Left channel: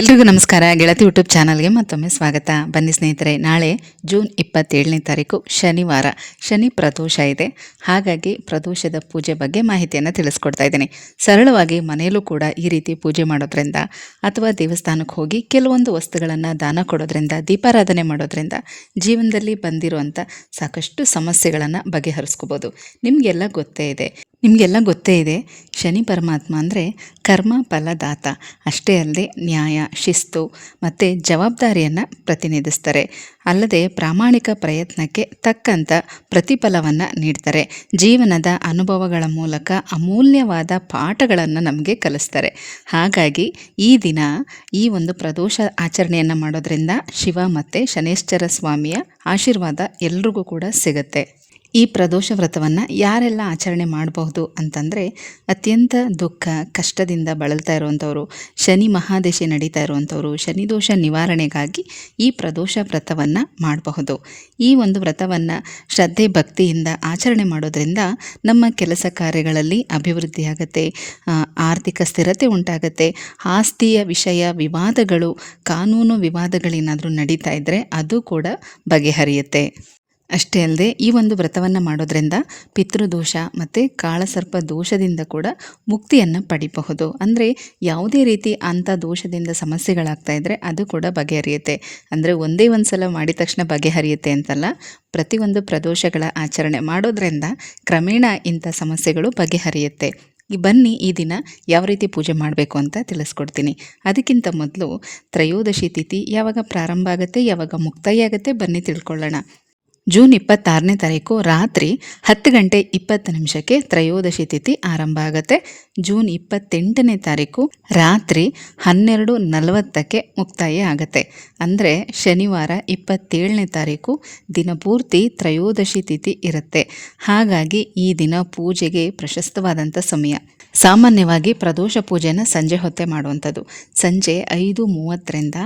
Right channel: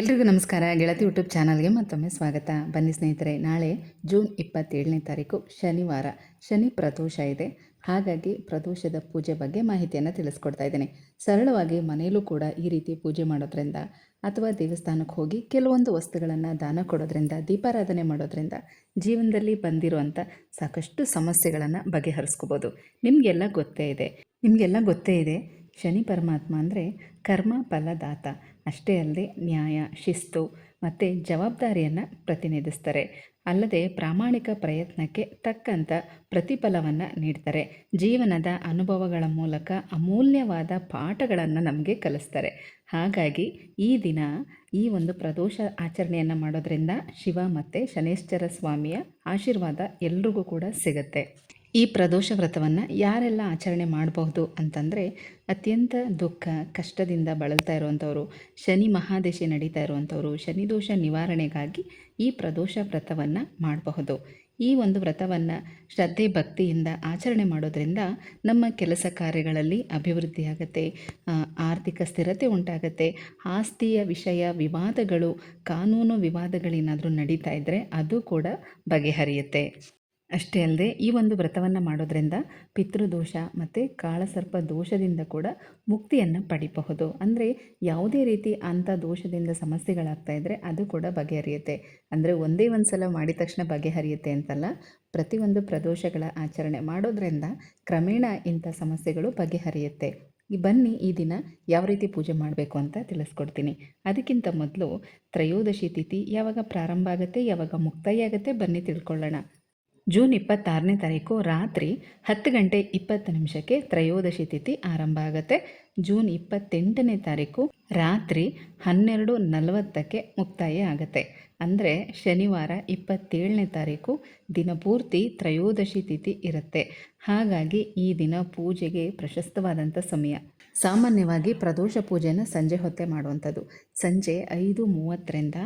ಎಲ್ರಿಗೂ ನಮಸ್ಕಾರ. ಗೆಳತಿ ಯೂಟ್ಯೂಬ್ ಚಾನಲ್ಗೆ ಮತ್ತೊಮ್ಮೆ ಸ್ವಾಗತ. ಬನ್ನಿ ಸ್ನೇಹಿತರೆ, ನಾಳೆ ಜೂನ್ 27ನೇ ತಾರೀಕು ಶನಿವಾರ, ಶನಿ ಪ್ರದೋಷ ಇದೆ. ಹಾಗಾಗಿ ಪ್ರದೋಷದ ಪೂಜೆ ಬಗ್ಗೆ ಮಾಹಿತಿಯನ್ನು ತಿಳಿಸ್ಕೊಡ್ತಾ ಇದ್ದೀನಿ. ಸರಳವಾಗಿ ಮನೆಯಲ್ಲೂ ಕೂಡ ಈ ರೀತಿ ಪೂಜೆ ಮಾಡೋದ್ರಿಂದ ಅಥವಾ ದೇವಸ್ಥಾನಕ್ಕೆ ಹೋಗಿ ಕೆಲವೊಂದು ವಸ್ತುಗಳನ್ನು ದಾನ ಕೊಡೋದ್ರಿಂದ, ದೀಪಾರಾಧನೆ ಮಾಡೋದ್ರಿಂದ ಜೀವನದಲ್ಲಿ ಬಂದಿರುವಂಥ ಸಾಕಷ್ಟು ಸಮಸ್ಯೆಗಳನ್ನು ಬಗೆಹರಿಸ್ಕೋಬೋದು. ನಿಮಗೆಲ್ಲ ಗೊತ್ತೇ ಇದೆ ಶನಿ ಪರಮಾತ್ಮ ಅಂದರೆ ಕರ್ಮ ಫಲದಾತ. ಅಷ್ಟೇ ಅಲ್ಲದೆ ನ್ಯಾಯ, ಶಿಸ್ತು ಮತ್ತು ಜವಾಬ್ದಾರಿಯನ್ನು ಪ್ರತಿನಿಧಿಸ್ತಾರೆ. ಅಲ್ಲದೆ ಪ್ರಾಮಾಣಿಕ ಪ್ರಯತ್ನಕ್ಕೆ ತಕ್ಕಂಥ ಪ್ರತಿಫಲವನ್ನು ನೀಡ್ತಾರೆ. ಜೀವನದ ಅನುಭವಗಳ ಮೂಲಕ ಅಮೂಲ್ಯವಾದ ಪಾಠಗಳನ್ನು ನಮಗೆ ಕಲಿಸ್ತಾರೆ. ಹಾಗಾಗಿ ಈ ದಿನ ಈ ಒಂದು ಪ್ರದೋಷ ಆಚರಣೆಯನ್ನು ಮಾಡೋದ್ರಿಂದ ಶಿವ ಮತ್ತು ಶನೇಶ್ವರ ಸ್ವಾಮಿಯ ಆಶೀರ್ವಾದ ಎಲ್ರಿಗೂ ಕೂಡ ಸಿಗುತ್ತೆ. ಈ ಪ್ರದೋಷ ವ್ರತವನ್ನು ಯಾರೆಲ್ಲ ಆಚರಣೆ ಮಾಡಬಹುದು ಅಂತಂದರೆ, ಅತ್ಯಂತ ದುಃಖ ಕಷ್ಟದಿಂದ ಬಳಲ್ತಾ ಇರುವಂಥವ್ರು, ಶನಿ ಮಹಾದಶೆ ನಡೀತಾ ಇರುವಂಥವ್ರು, ಶನಿದೋಷ ನಿವಾರಣೆಗಾಗಿ ಈ ಪ್ರದೋಷ ವ್ರತವನ್ನು ಮಾಡಬಹುದು. ಈ ಒಂದು ವ್ರತವನ್ನು ಶ್ರದ್ಧೆ ಭಕ್ತಿಯಿಂದ ಆಚರಣೆ ಮಾಡೋದ್ರಿಂದ ನಮ್ಮ ಕೆಲಸ ಕಾರ್ಯಗಳಲ್ಲಿ ಅಭಿವೃದ್ಧಿ ಆಗುತ್ತೆ, ಆರ್ಥಿಕ ಸ್ಥಿರತೆ ಉಂಟಾಗುತ್ತೆ. ಆಸ್ತಿಯ ವಿಷಯ ವಿವಾದಗಳು, ಕಾನೂನು ವಿವಾದಗಳೇನಾದರೂ ನಡೀತಾ ಇದ್ದರೆ ಅದು ಕೂಡ ಬಗೆಹರಿಯುತ್ತೆ. ಅಷ್ಟೇ ಅಲ್ಲದೆ ಈ ಒಂದು ವ್ರತವನ್ನು ಮಾಡೋದ್ರಿಂದ ಪಿತೃದೋಷ ಮತ್ತು ಕಾಳಸರ್ಪ ದೋಷದಿಂದ ಕೂಡ ಮುಕ್ತಿಯನ್ನು ಪಡಿಬಹುದು. ಅಂದರೆ ಯಾವುದೇ ರೀತಿ ಅಂಥ ದೋಷದಿಂದ ಸಮಸ್ಯೆಗಳಾಗ್ತಾ ಇದ್ದರೆ ಅದು ಕೂಡ ಬಗೆಹರಿಯುತ್ತೆ. ಅಂದರೆ ಒಂದೇ ಒಂದು ಸಲ ಮಾಡಿದ ತಕ್ಷಣ ಬಗೆಹರಿಯುತ್ತೆ ಅಂತಲ್ಲ, ಪ್ರತಿಯೊಂದು ಪ್ರದೋಷಗಳ ಆಚರಣೆ ಮಾಡೋದ್ರಿಂದ ಕ್ರಮೇಣ ಇಂಥ ಸಮಸ್ಯೆಗಳು ಬಗೆಹರಿಯುತ್ತೆ. ಬನ್ನಿ ಈ ದಿನ ಯಾವ ರೀತಿ ಪೂಜೆ ಮಾಡಬೇಕು ಅಂತ ತಿಳಿಸ್ಕೊಡ್ತೀನಿ. ಅದಕ್ಕಿಂತ ಮೊದಲು ತ್ರಯೋದಶಿ ತಿಥಿ ಯಾವಾಗ ಪ್ರಾರಂಭ ಆಗುತ್ತೆ, ಯಾವಾಗ ಮುಕ್ತಾಯ ಆಗುತ್ತೆ ಬನ್ನಿ ತಿಳ್ಕೊಳ್ಳೋಣ. ಜೂನ್ 26ನೇ ತಾರೀಕು ರಾತ್ರಿ 10:20 ತ್ರಯೋದಶಿ ತಿಥಿ ಆರಂಭ ಆಗುತ್ತೆ. ಜೂನ್ 28ನೇ ತಾರೀಕು ರಾತ್ರಿ 12:40 ಮುಕ್ತಾಯ ಆಗುತ್ತೆ. ಅಂದರೆ ಶನಿವಾರ 27ನೇ ತಾರೀಕು ದಿನಪೂರ್ತಿ ತ್ರಯೋದಶಿ ತಿಥಿ ಇರುತ್ತೆ. ಹಾಗಾಗಿ ಈ ದಿನ ಪೂಜೆಗೆ ಪ್ರಶಸ್ತವಾದಂಥ ಸಮಯ. ಸಾಮಾನ್ಯವಾಗಿ ಪ್ರದೋಷ ಪೂಜೆನ ಸಂಜೆ ಹೊತ್ತೆ ಮಾಡುವಂಥದ್ದು. ಸಂಜೆ 5:30ರಿಂದ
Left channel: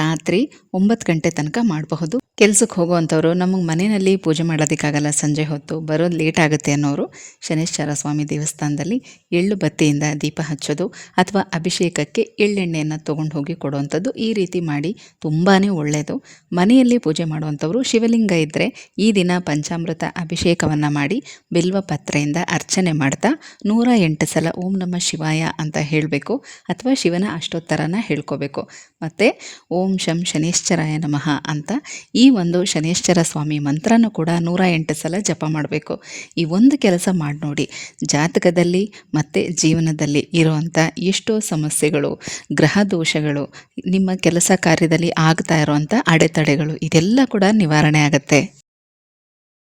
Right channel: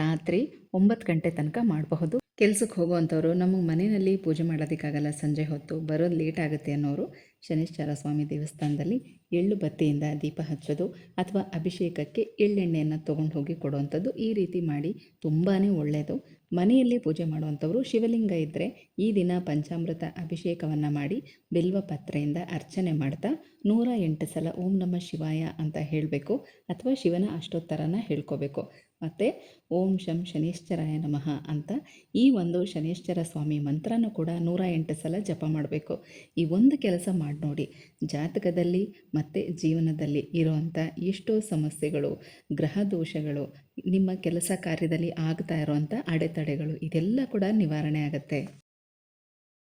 ರಾತ್ರಿ 9 ಗಂಟೆ ತನಕ ಮಾಡಬಹುದು. ಕೆಲಸಕ್ಕೆ ಹೋಗುವಂಥವ್ರು ನಮಗೆ ಮನೆಯಲ್ಲಿ ಪೂಜೆ ಮಾಡೋದಕ್ಕಾಗಲ್ಲ, ಸಂಜೆ ಹೊತ್ತು ಬರೋದು ಲೇಟ್ ಆಗುತ್ತೆ ಅನ್ನೋರು ಶನೇಶ್ವರ ಸ್ವಾಮಿ ದೇವಸ್ಥಾನದಲ್ಲಿ ಎಳ್ಳು ಬತ್ತಿಯಿಂದ ದೀಪ ಹಚ್ಚೋದು ಅಥವಾ ಅಭಿಷೇಕಕ್ಕೆ ಎಳ್ಳೆಣ್ಣೆಯನ್ನು ತೊಗೊಂಡು ಹೋಗಿ ಕೊಡುವಂಥದ್ದು, ಈ ರೀತಿ ಮಾಡಿ ತುಂಬಾ ಒಳ್ಳೆಯದು. ಮನೆಯಲ್ಲಿ ಪೂಜೆ ಮಾಡುವಂಥವ್ರು ಶಿವಲಿಂಗ ಇದ್ದರೆ ಈ ದಿನ ಪಂಚಾಮೃತ ಅಭಿಷೇಕವನ್ನು ಮಾಡಿ ಬಿಲ್ವ ಪತ್ರೆಯಿಂದ ಅರ್ಚನೆ ಮಾಡ್ತಾ 108 ಸಲ ಓಂ ನಮಃ ಶಿವಾಯ ಅಂತ ಹೇಳಬೇಕು ಅಥವಾ ಶಿವನ ಅಷ್ಟೋತ್ತರನ ಹೇಳ್ಕೋಬೇಕು. ಮತ್ತು ಓಂ ಶಂ ಶನೇಶ್ವರಾಯ ನಮಃ ಅಂತ ಈ ಒಂದು ಶನೇಶ್ವರ ಸ್ವಾಮಿ ಮಂತ್ರನೂ ಕೂಡ 108 ಸಲ ಜಪ ಮಾಡಬೇಕು. ಈ ಒಂದು ಕೆಲಸ ಮಾಡಿ ನೋಡಿ, ಜಾತಕದಲ್ಲಿ ಮತ್ತು ಜೀವನದಲ್ಲಿ ಇರುವಂಥ ಎಷ್ಟೋ ಸಮಸ್ಯೆಗಳು, ಗ್ರಹ ದೋಷಗಳು, ನಿಮ್ಮ ಕೆಲಸ ಕಾರ್ಯದಲ್ಲಿ ಆಗ್ತಾ ಇರುವಂಥ ಅಡೆತಡೆಗಳು ಇದೆಲ್ಲ ಕೂಡ ನಿವಾರಣೆ ಆಗುತ್ತೆ.